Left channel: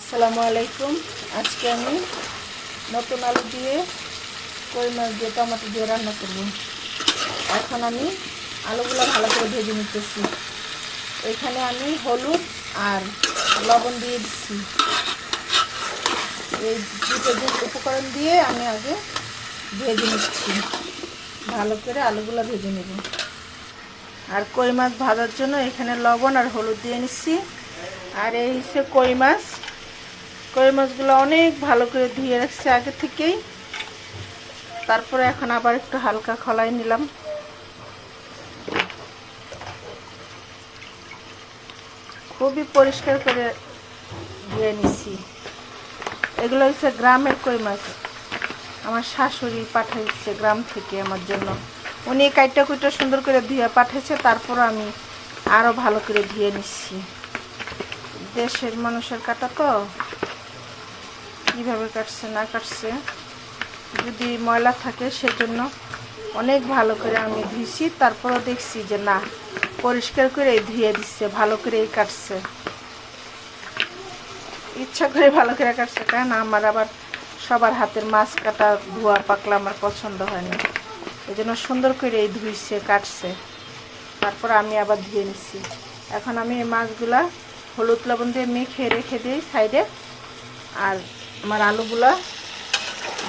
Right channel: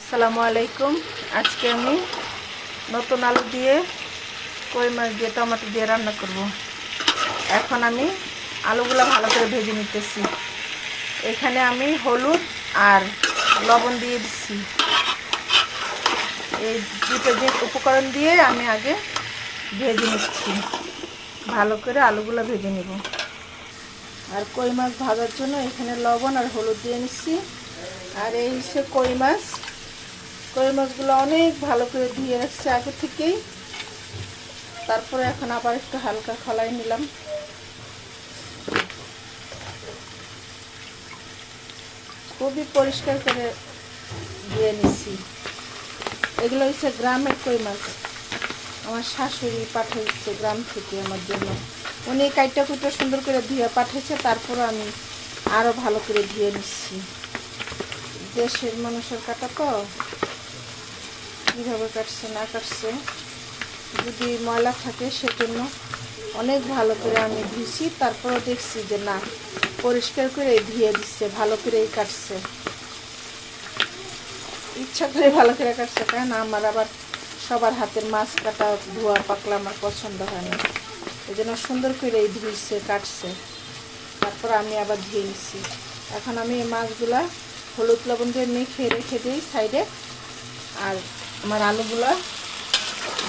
আসসালামু আলাইকুম। আজকে আমি নতুন আলু দিয়ে কই মাছ দিয়ে, টমেটো দিয়ে রান্না করব। এখন আমি আলুগুলো ভালো করে ভেজে নিতেছি। এখানে আমি হলুদ আর লবণ দিয়ে দিচ্ছি এই দুটো যে উপকরণ দিয়ে আমি আগে ভেজে নিচ্ছি। ভালো করে আলুগুলো ভেজে নিব। আর কই মাছ ভাজার জন্য এখানে লবণ আর হলুদ দিয়ে নিচ্ছি। আর এই সে কই মাছ। কই মাছগুলো অনেক ভালো করে ধুয়ে রাখছি আগে থেকেই। তারপরে এখন আবার একটু হালকা খলাই নিলাম। খুবই পরিষ্কার করে ধুয়ে নিচ্ছি এগুলো হচ্ছে গ্রামের কই মাছ। আমার শাশুড়ি পাঠাইছে গ্রাম থেকে আমার জন্য। উনি কাইটা কুইটা সুন্দর করে ধুয়ে পাঠাইছে তারপর আমি আরও ভালো করে ধুয়ে নিচ্ছি দেশের মানুষের কাটা তো। কীভাবে কাটছে, না কাটছে, যদি ময়লা থাকে সেজন্য অনেক ভালো করে আমি ধুইছি, তারপরও দেখছি যে না, পরিষ্কার করে ধুয়ে দিচ্ছে, ভালো করেই কাটছে। ইচ্ছা করে ভালো করে কাটছে কারণ আমার আবার সবার হাতের মাছ কাটা, ধোয়া, পাকলা আমার পছন্দ হয় না ওই জন্য সুন্দর করে এই ধুইছে, কাটছে। তারপর আমি আবার ধুয়ে নিচ্ছি এখন আমি এই মাছগুলা হলুদ লবণ দিয়ে মেখে রেখে দিই সাইডে। আর আমার আলুগুলা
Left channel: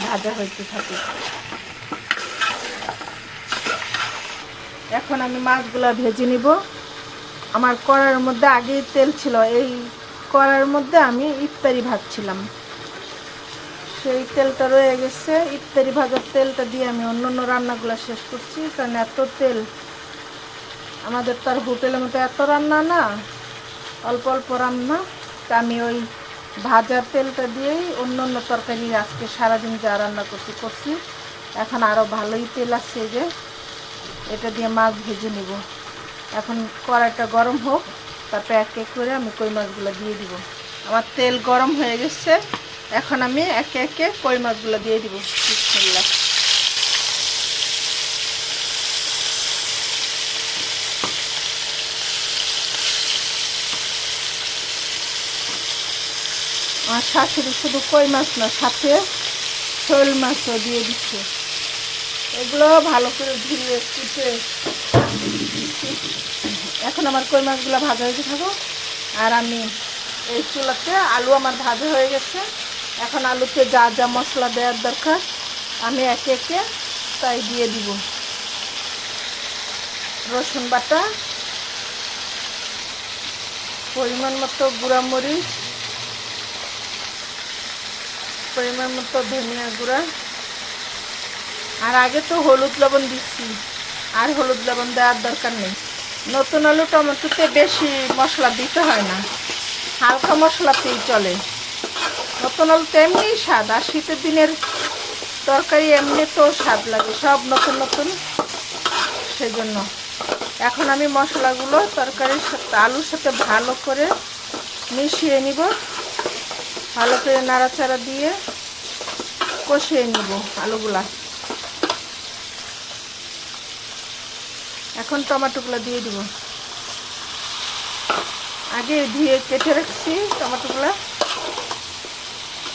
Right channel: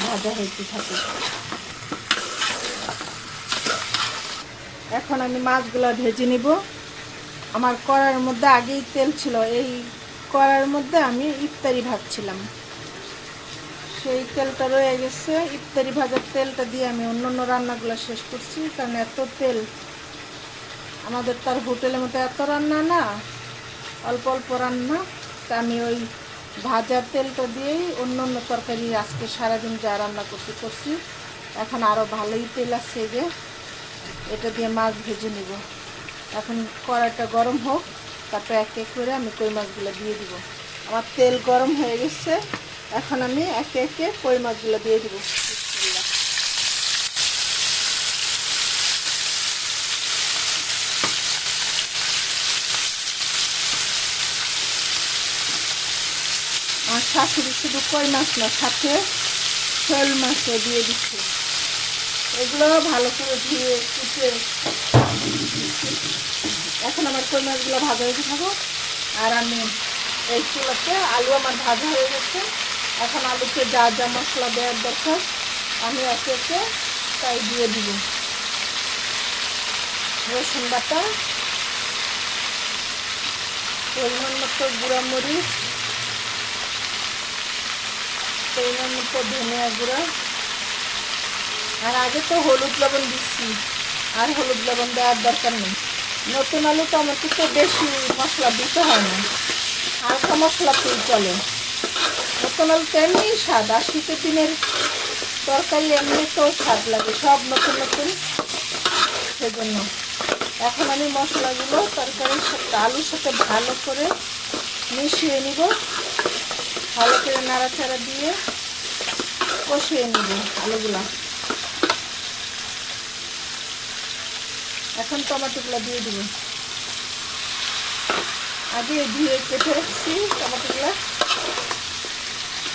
ভাজা হইতে থাকে। এখন আমি মাছগুলো ভেজে নিব। আমার কড়ার মধ্যে আগেই তেল ছিল, এই কড়ার মধ্যে আমি ইফতারি ভাজছিলাম সেই তেলটা রয়ে গেছে, ইফতারি ভাজার তেলটা দিয়ে আমি অন্য অন্য রান্নাগুলো শেষ করছি, কারণ এত তেল। আমাদের তার হোটেলের মধ্যে এত রান্না না, অল্প অল্প রান্না। তা আমি ওই ভাজার তেলটা দিয়েই অন্য অন্য তরকারি আজকে সারাদিন যা রান্না করছি করছি। এখন আরও ভালোই তেল আসছে যে। এটা দিয়ে মাছ ভেজে নেব। এখন কড়াইটা গরম হোক, তারপরে এক এক করে আমি কই মাছগুলো দিয়ে দিব। আমার তেল গরম হয়ে গেছে, এখন আমি একে একে কই মাছগুলো দিয়ে দিব। শাশুড়ি শুধু কই মাছ না, সাথে শোল মাছও দিয়ে দিচ্ছে। এগুলো ভালো করে ধুয়ে কুটে এখন আমার কই মাছগুলো ভাজা হয়ে থাকো আর আমি এই চুলাতে আলু আমার ভাজা হয়ে গেছে। এখন আলুতে যা যা মশলা দেওয়ার দরকার, আমি একে একে তাই দিয়ে দিব। রসুন বাটা, পরিমাণ মতো গুঁড়া মরিচ পরিমাণ মতো ধনিয়া গুঁড়া। আর আগে তো হলুদ লবণ দিচ্ছি। আর হলুদ লবণ দেওয়ার দরকার নেই। নতুন আলু টমেটোতে বেশি মশলা দিতে হয় না। হালকা মশলাতেই চলে। নতুন আলুতে এমনি স্বাদ। আর শীতের দিনের তরকারি এমনি তো স্বাদ লাগে। সব নতুন নতুন। সেজন্য এখন আমি মশলাগুলো তরকারির সাথে, আলুর সাথে ভালো করে মিশিয়ে নিব। ভালো করে নাড়াচাড়া দিয়ে কষিয়ে নিব আলুগুলা। এখন টমেটোগুলো দিয়ে দিব। আগে ধুয়ে কেটে রাখছি টমেটোগুলো।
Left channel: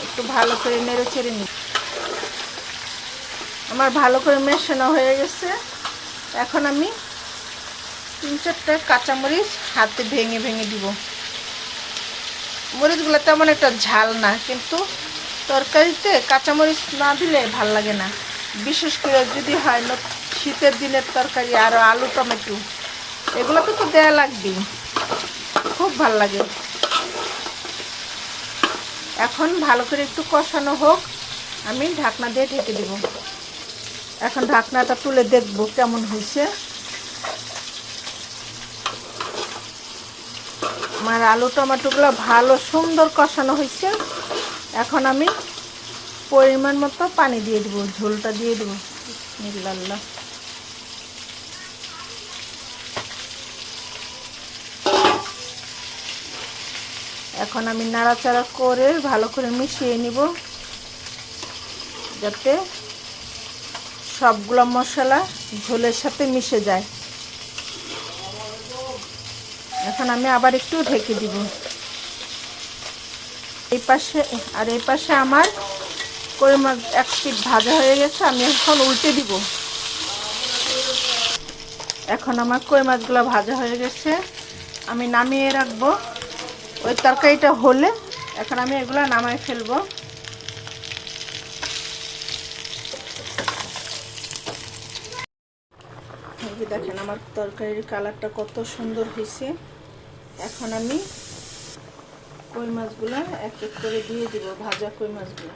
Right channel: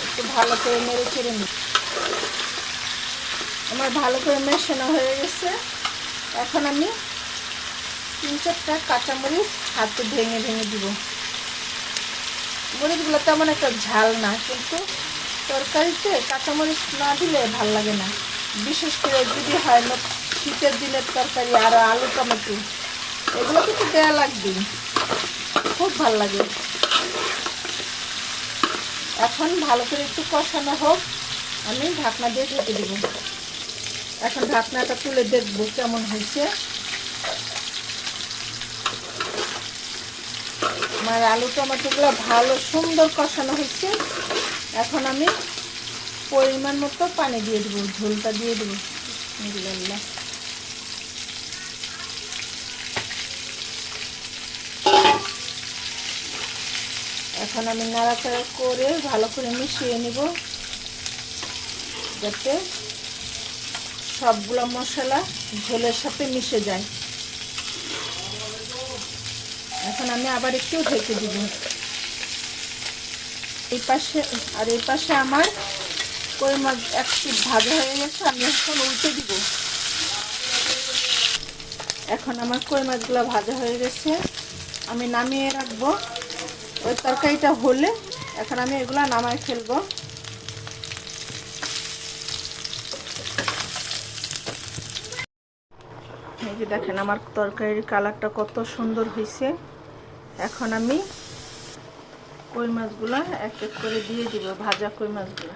একটু ভালো করে নেড়ে চেড়ে নিব। আমার ভালো করে মেশানো হয়ে গেছে। এখন আমি তিন চারটা কাঁচামরিচ হাতে ভেঙে ভেঙে দিব। মরিচগুলো তেমন একটা ঝাল না, কিন্তু তরকারিতে কাঁচামরিচ না দিলে ভালো লাগে না। বিশেষ করে যদি হয় শীতের দিনের তরকারি আর আলু টমেটো, এগুলো তো দেওয়া লাগবে। খুব ভালো লাগে। এখন ভালো করে একটু কষানো হোক, আমি ঢাকনা দিয়ে ঢেকে দেব। এখন ঢাকনাটা তুলে দেখব কেমন হয়েছে। আমার আলু টমেটোগুলো ভালো সুন্দর কষানো হয়েছে। এখন আমি পরিমাণ মতো পানি দিয়ে দেবো, ঝোলটা দিয়ে দেবো। বিসমিল্লাহ। এখন আমি নাড়াচাড়া করে ভালো করে মিশিয়ে নিব, যাতে সবগুলো মশলা ঝোলের সাথে মিশে যায়। এখন আমি আবার একটু ঢেকে দিব। এই পাশে, আর এই পাশে আমার কই মাছ এক পিট ভাজা হয়ে গেছে, আমি এখন উল্টে দিব। এখন আমার কই মাছগুলো ভাজা হয়ে গেছে, আমি নামিয়ে রাখব। ওই তরকারিটা হলে এখন আমি এগুলো নামাই ফেলব। এই যে দেখেন, আমার তরকারির কালারটা কত সুন্দর হয়েছে এখন আমি কই মাছগুলো? এক এক করে দিয়ে দিব, ভাজা কই মাছগুলো।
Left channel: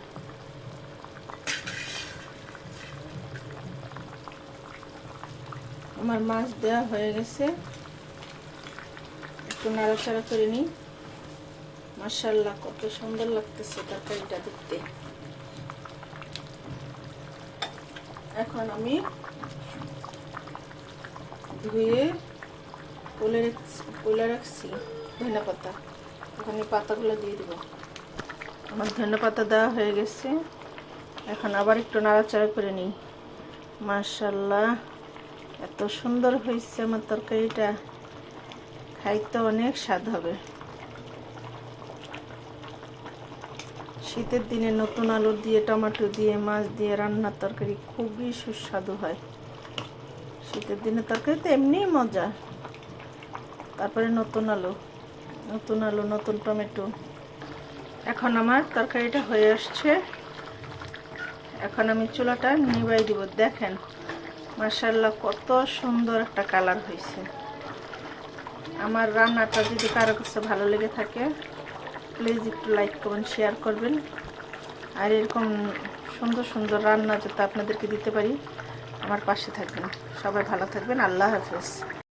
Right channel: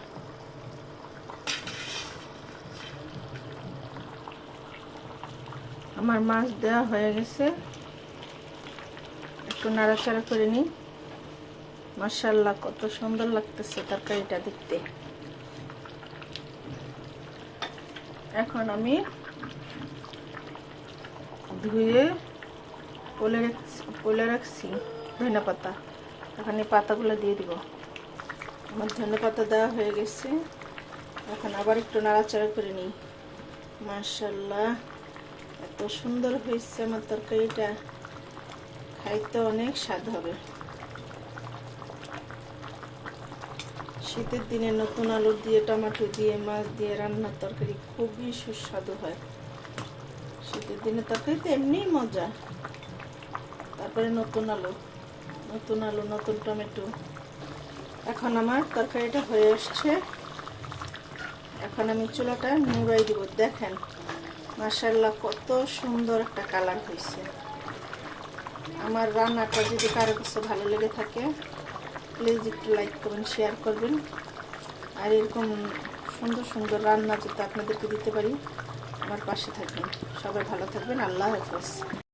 আমার মাছ দেওয়া হয়ে গেছে। একটু নাড়াচাড়া করে নিই। মার্শাল্লাহ কত সুন্দর লাগতেছে তরকারিটা দেখতে। এখন আমি ধুয়ে কোলে রাখছি ধনে পাতা। ওখানে পাতাগুলো দিয়ে দিব। আমার ধনে পাতা দেওয়া হয়ে গেছে। এখন আবার একটু নাড়াচাড়া করে নিই। মার্শাল্লাহ এত সুন্দর হয়েছে আমার তরকারিটা। খাইতে অনেক স্বাদ হবে। শীতের দিনে নতুন আলু দিয়ে, টমেটো দিয়ে, মাছ দিয়ে রান্নার তরকারি খুবই সুস্বাদু হয়। শীতের দিনে তরকারি তো এমনিই মজা। তারপরে নতুন আলু নতুন আলু, নতুন টমেটো। এখন আমার তরকারিটা হয়ে আসছে। এখন আমি চুলাটা নিবাই দিব। দেখেন মার্শাল্লাহ কত সুন্দর একটা কালার হয়েছে। আমার রান্নাটা যদি কারও কাছে ভালো লেগে থাকে প্লিজ একটু লাইক করবেন শেয়ার করবেন। আর এরকম সুন্দর সুন্দর রান্না যাতে আপনাদেরকে দিতে পারি, আমার পাশে থাকবেন। সবাই ভালো থাকবেন। আল্লাহ হাফেজ।